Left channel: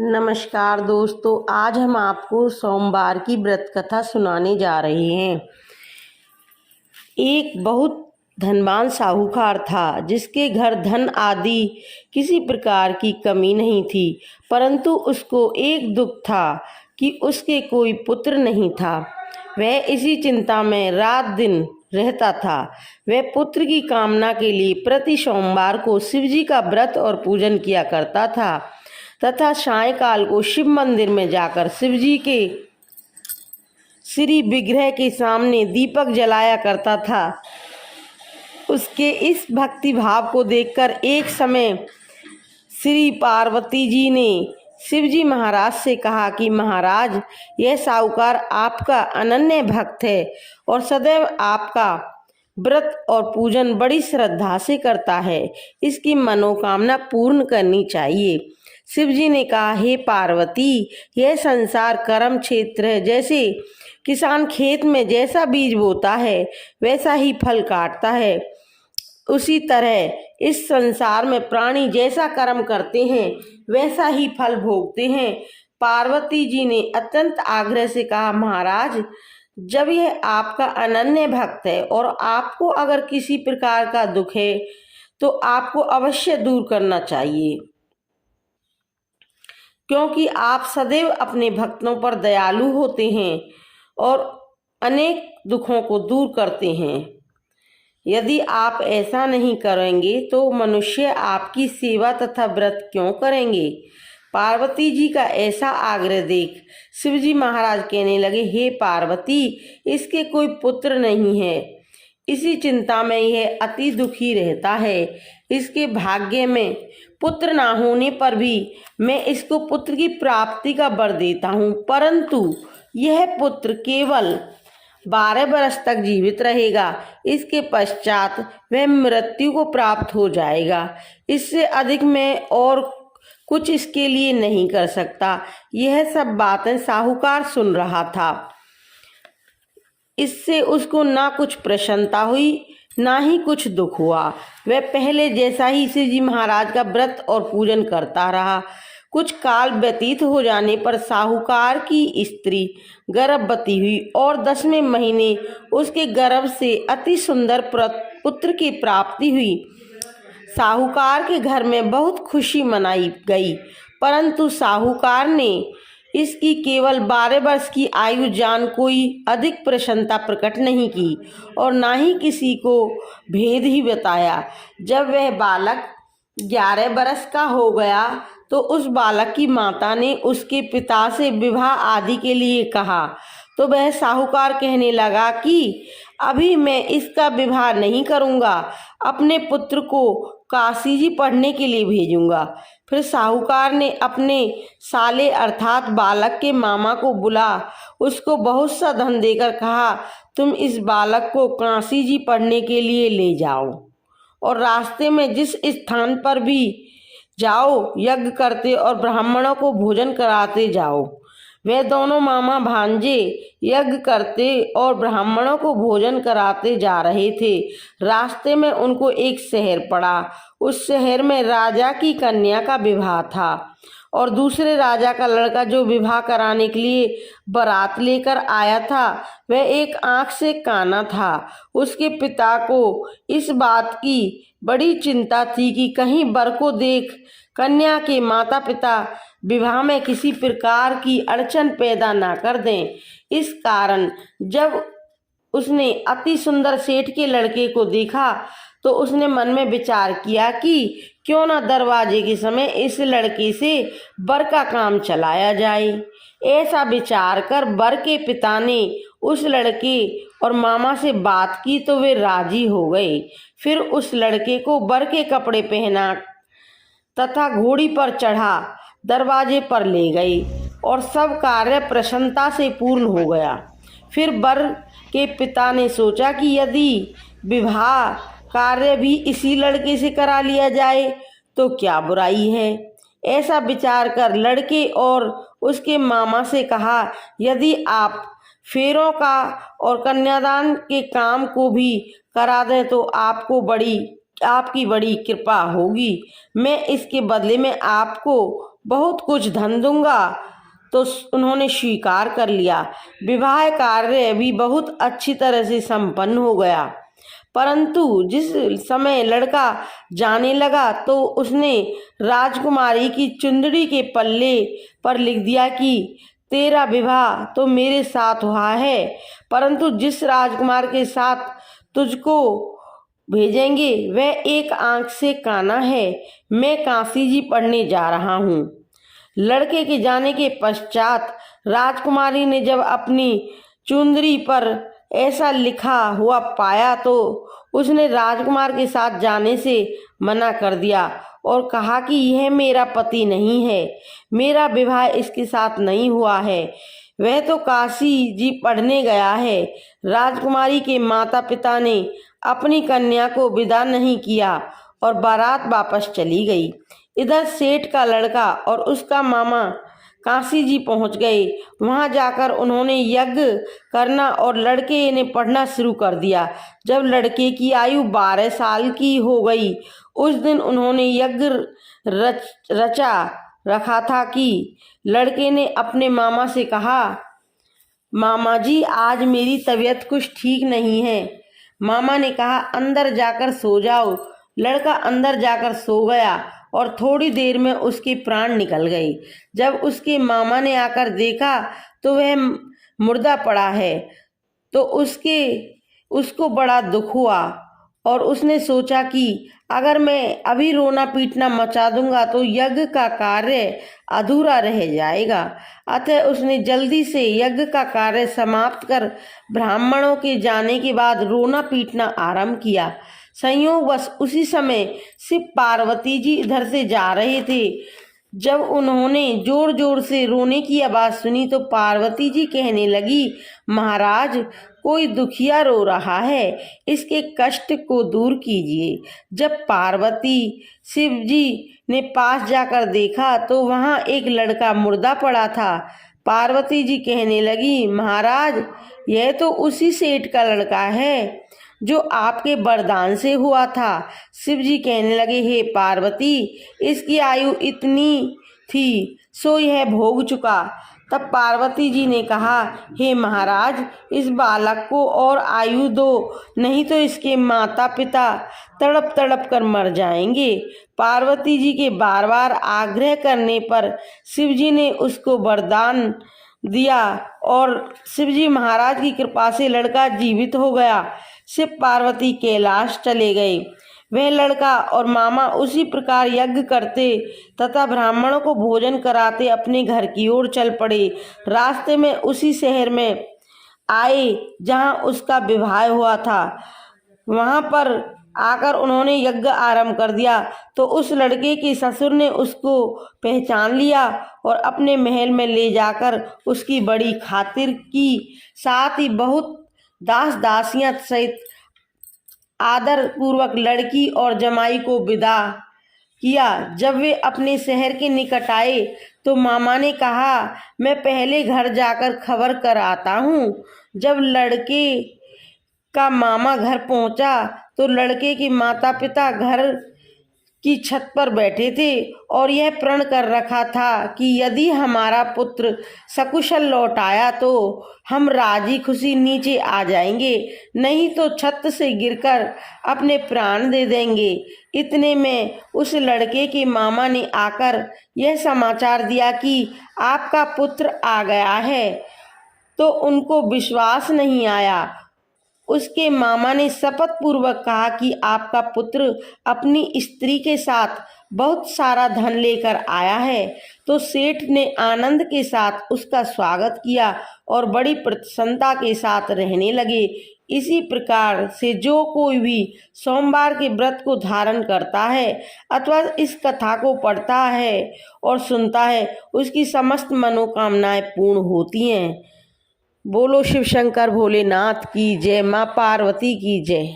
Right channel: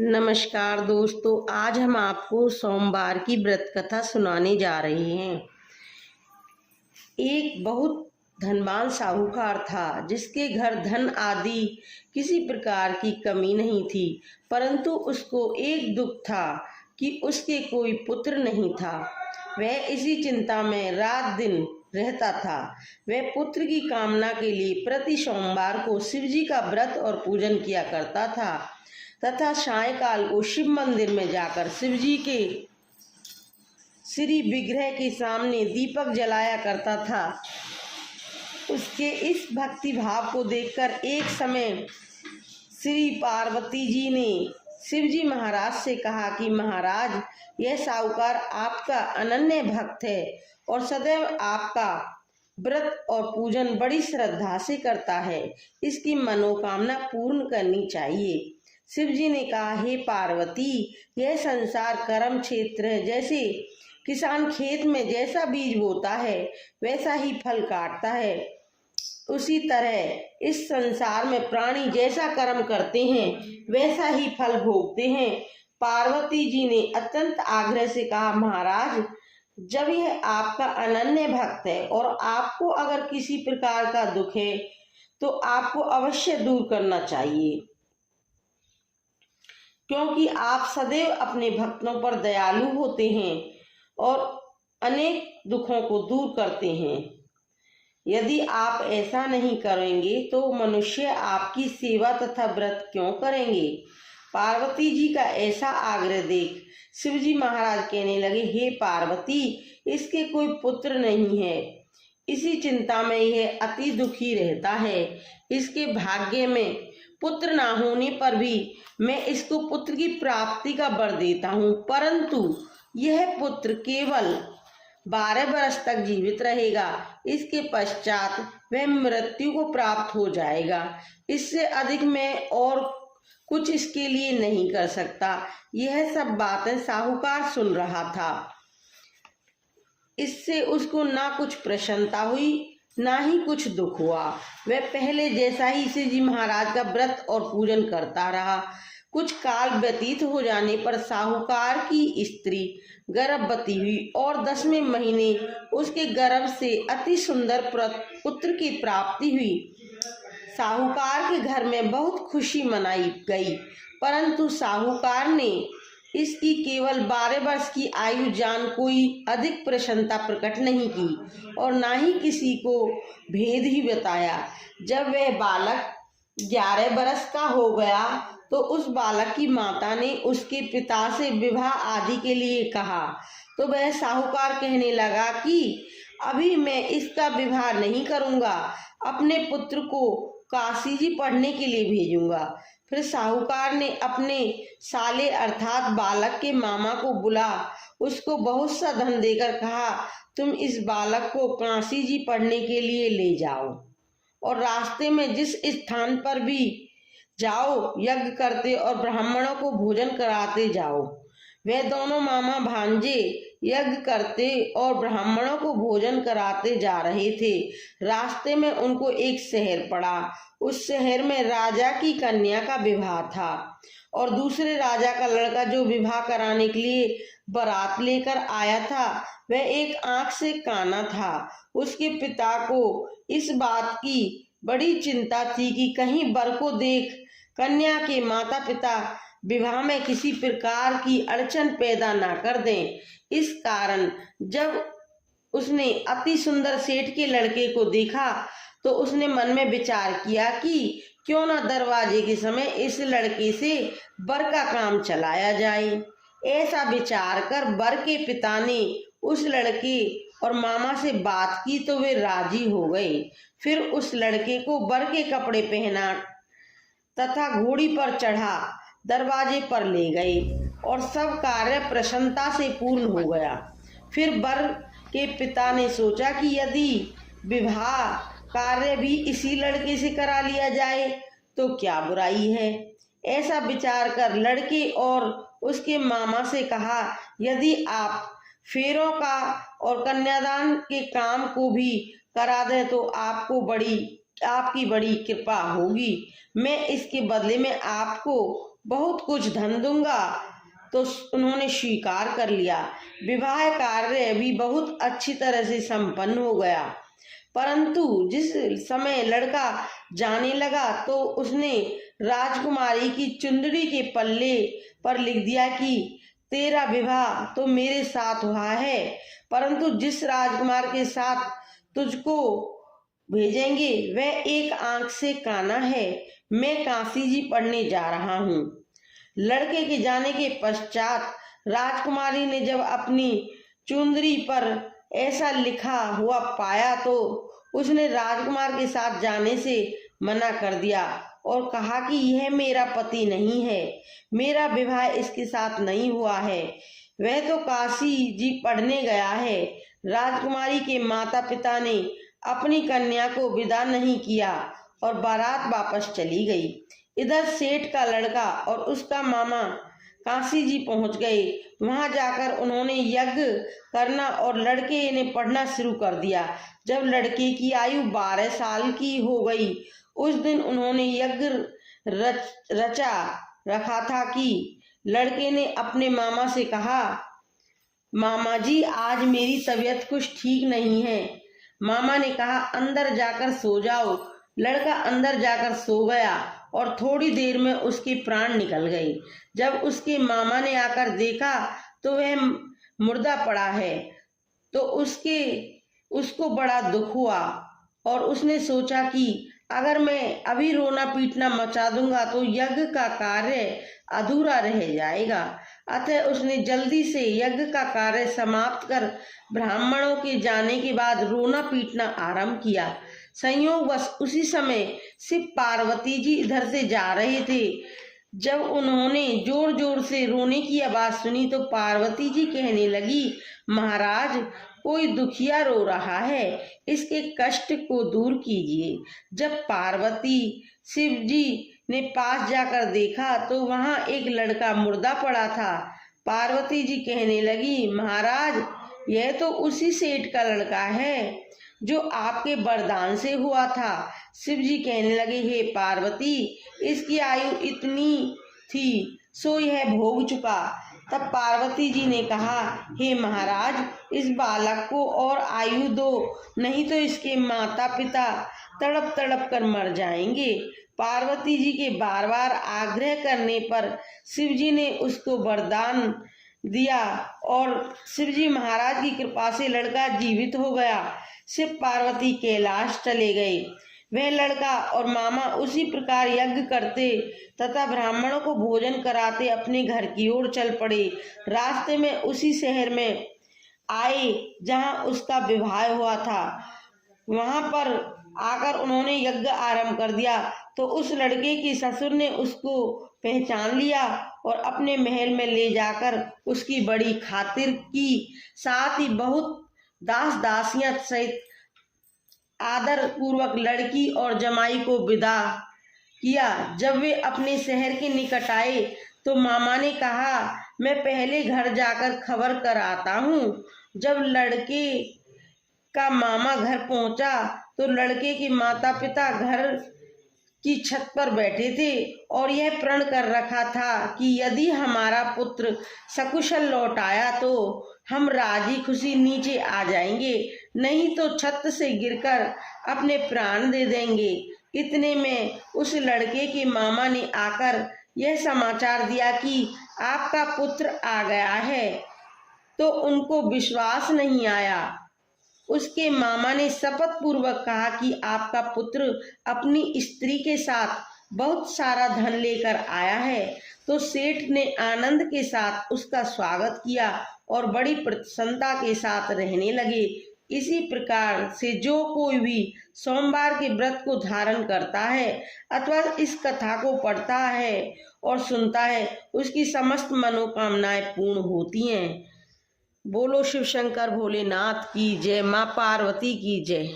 नमस्कार दोस्तों, आज हम आपको सोमवार की व्रत कथा सुनाने जा रहे हैं। एक बहुत धनवान साहूकार था जिसके घर धन आदि किसी प्रकार की कमी नहीं थी, परंतु उसको एक दुख था कि उसके कोई पुत्र नहीं था। वह इसी चिंता में रात दिन रहता था। वह पुत्र की कामना के लिए प्रति सोमवार को शिवजी का व्रत और पूजन किया करता था तथा सायंकाल को शिव मंदिर में जाकर शिवजी के श्री विग्रह के सामने दीपक जलाया करता था। उसके इस भक्ति भाव को देखकर एक समय श्री पार्वती जी ने शिवजी महाराज से कहा कि महाराज, यह साहूकार आपका अनन्य भक्त है और सदैव आपका व्रत और पूजन बड़ी श्रद्धा से करता है। इसकी मनोकामना पूर्ण करनी चाहिए। शिवजी ने कहा, हे पार्वती, यह संसार कर्म क्षेत्र है। जैसे किसान खेत में जैसा बीज बोता है वैसा ही फल काटता है, उसी तरह इस संसार में प्राणी जैसा कर्म करते हैं वैसा ही फल भोगते हैं। पार्वती जी ने अत्यंत आग्रह से कहा, महाराज, जब यह आपका अनन्य भक्त है और आपको अगर किसी प्रकार का दुख है तो आपको अवश्य दूर करना चाहिए, क्योंकि आप सदैव अपने भक्तों पर दयालु होते हैं और अनेक दुखों को दूर करते हैं। यदि आप ऐसा नहीं करेंगे तो मनुष्य आपकी सेवा तथा व्रत क्यों करेंगे। पार्वती जी का ऐसा आग्रह देख शिवजी महाराज कहने लगे, हे पार्वती, इसके कोई पुत्र नहीं है। इसी चिंता में यह अति दुखी रहता है। इसके भाग्य में पुत्र ना होने पर भी मैं इसको पुत्र की प्राप्ति का वर देता हूँ, परंतु यह पुत्र केवल 12 वर्ष तक जीवित रहेगा। इसके पश्चात वह मृत्यु को प्राप्त हो जाएगा। इससे अधिक मैं और कुछ इसके लिए नहीं कर सकता। यह सब बातें साहूकार सुन रहा था। इससे उसको ना कुछ प्रसन्नता हुई ना ही कुछ दुख हुआ। वह पहले जैसा ही शिवजी महाराज का व्रत और पूजन करता रहा। कुछ काल व्यतीत हो जाने पर साहूकार की स्त्री गर्भवती हुई और 10वें महीने उसके गर्भ से अति सुंदर पुत्र की प्राप्ति हुई। साहूकार के घर में बहुत खुशी मनाई गई, परंतु साहूकार ने इसकी केवल 12 वर्ष की आयु जान कोई अधिक प्रसन्नता प्रकट नहीं की और ना ही किसी को भेद ही बताया। जब वह बालक 11 वर्ष का हो गया तो उस बालक की माता ने उसके पिता से विवाह आदि के लिए कहा, तो वह साहूकार कहने लगा कि अभी मैं इसका विवाह नहीं करूँगा, अपने पुत्र को काशी जी पढ़ने के लिए भेजूंगा। फिर साहूकार ने अपने साले अर्थात बालक के मामा को बुला उसको बहुत सा धन देकर कहा, तुम इस बालक को काशी जी पढ़ने के लिए ले जाओ और रास्ते में जिस स्थान पर भी जाओ यज्ञ करते और ब्राह्मणों को भोजन कराते जाओ। वे दोनों मामा भांजे यज्ञ करते और ब्राह्मणों को भोजन कराते जा रहे थे। रास्ते में उनको एक शहर पड़ा। उस शहर में राजा की कन्या का विवाह था और दूसरे राजा का लड़का जो विवाह कराने के लिए बारात लेकर आया था वह एक आंख से काना था। उसके पिता को इस बात की बड़ी चिंता थी कि कहीं वर को देख कन्या के माता पिता विवाह में किसी प्रकार की अड़चन पैदा ना कर दें। इस कारण जब उसने अति सुंदर सेठ के लड़के को देखा तो उसने मन में विचार किया कि क्यों ना दरवाजे के समय इस लड़के से वर का काम चलाया जाए। ऐसा विचार कर वर के पिता ने उस लड़के और मामा से बात की तो वे राजी हो गए। फिर उस लड़के को वर के कपड़े पहना तथा घोड़ी पर चढ़ा दरवाजे पर ले गए और सब कार्य प्रसन्नता से पूर्ण हो गया। फिर वर के पिता ने सोचा कि यदि विवाह कार्य भी इसी लड़के से करा लिया जाए तो क्या बुराई है। ऐसा विचार कर लड़के और उसके मामा से कहा, यदि आप फेरों का और कन्यादान के काम को भी करा दें तो आपकी बड़ी कृपा होगी। मैं इसके बदले में आपको बहुत कुछ धन दूंगा। तो उन्होंने स्वीकार कर लिया। विवाह कार्य भी बहुत अच्छी तरह से संपन्न हो गया। परंतु जिस समय लड़का जाने लगा तो उसने राजकुमारी की चुंदड़ी के पल्ले पर लिख दिया कि तेरा विवाह तो मेरे साथ हुआ है, परंतु जिस राजकुमार के साथ तुझको भेजेंगे वह एक आंख से काना है। मैं काशी जी पढ़ने जा रहा हूँ। लड़के के जाने के पश्चात राजकुमारी ने जब अपनी चुंदड़ी पर ऐसा लिखा हुआ पाया तो उसने राजकुमार के साथ जाने से मना कर दिया और कहा कि यह मेरा पति नहीं है, मेरा विवाह इसके साथ नहीं हुआ है, वह तो काशी जी पढ़ने गया है। राजकुमारी के माता पिता ने अपनी कन्या को विदा नहीं किया और बारात वापस चली गई। इधर सेठ का लड़का और उसका मामा काशी जी पहुंच गए। वहां जाकर उन्होंने यज्ञ करना और लड़के ने पढ़ना शुरू कर दिया। जब लड़के की आयु 12 साल की हो गई, उस दिन उन्होंने यज्ञ रचा रखा था कि लड़के ने अपने मामा से कहा, मामा जी आज मेरी तबीयत कुछ ठीक नहीं है। मामा ने कहा, अंदर जाकर सो जाओ। लड़का अंदर जाकर सो गया और थोड़ी देर में उसके प्राण निकल गए। जब उसके मामा ने आकर देखा तो वह मुर्दा पड़ा है तो उसको बड़ा दुख हुआ और उसने सोचा कि अगर मैं अभी रोना पीटना मचा दूंगा तो यज्ञ का कार्य अधूरा रह जाएगा। अतः उसने जल्दी से यज्ञ का कार्य समाप्त कर ब्राह्मणों के जाने के बाद रोना पीटना आरंभ किया। संयोगवश उसी समय शिव पार्वती जी इधर से जा रहे थे। जब उन्होंने जोर जोर से रोने की आवाज सुनी तो पार्वती जी कहने लगी, महाराज कोई दुखिया रो रहा है, इसके कष्ट को दूर कीजिए। जब पार्वती शिव जी ने पास जाकर देखा तो वहां एक लड़का मुर्दा पड़ा था। पार्वती जी कहने लगी, महाराज यह तो उसी सेठ का लड़का है जो आपके वरदान से हुआ था। शिव जी कहने लगे, हे पार्वती इसकी आयु इतनी थी सो यह भोग चुका। तब पार्वती जी ने कहा, हे महाराज इस बालक को और आयु दो, नहीं तो इसके माता पिता तड़प तड़प कर मर जाएंगे। पार्वती जी के बार बार आग्रह करने पर शिव जी ने उसको वरदान दिया और शिव जी महाराज की कृपा से लड़का जीवित हो गया। शिव पार्वती कैलाश चले गए। वह लड़का और मामा उसी प्रकार यज्ञ करते तथा ब्राह्मणों को भोजन कराते अपने घर की ओर चल पड़े। रास्ते में उसी शहर में आए जहां उसका विवाह हुआ था। वहां पर आकर उन्होंने यज्ञ आरंभ कर दिया तो उस लड़के के ससुर ने उसको पहचान लिया और अपने महल में ले जाकर उसकी बड़ी खातिर की, साथ ही बहुत दास दासियां सहित आदर पूर्वक लड़की और जमाई को विदा किया। जब वे अपने शहर के निकट आए तो मामा ने कहा, मैं पहले घर जाकर खबर कर आता हूँ। जब लड़के का मामा घर पहुंचा तो लड़के के माता पिता घर की छत पर बैठे थे और यह प्रण कर रखा था कि यदि हमारा पुत्र सकुशल लौट आया तो हम राजी खुशी नीचे आ जाएंगे, नहीं तो छत से गिरकर अपने प्राण दे देंगे। इतने में उस लड़के के मामा ने आकर यह समाचार दिया कि आपका पुत्र आ गया है, तो उनको विश्वास नहीं आया। उसके मामा ने शपथ पूर्वक कहा कि आपका पुत्र अपनी स्त्री के साथ बहुत सारा धन लेकर आया है। तो सेठ ने आनंद के साथ उसका स्वागत किया और बड़ी प्रसन्नता के साथ रहने लगे। इसी प्रकार से जो कोई भी सोमवार के व्रत को धारण करता है अथवा इस कथा को पढ़ता है और सुनता है, उसकी समस्त मनोकामनाएं पूर्ण होती हैं। बोलो शिव शंकर भोलेनाथ की जय, माँ पार्वती की जय।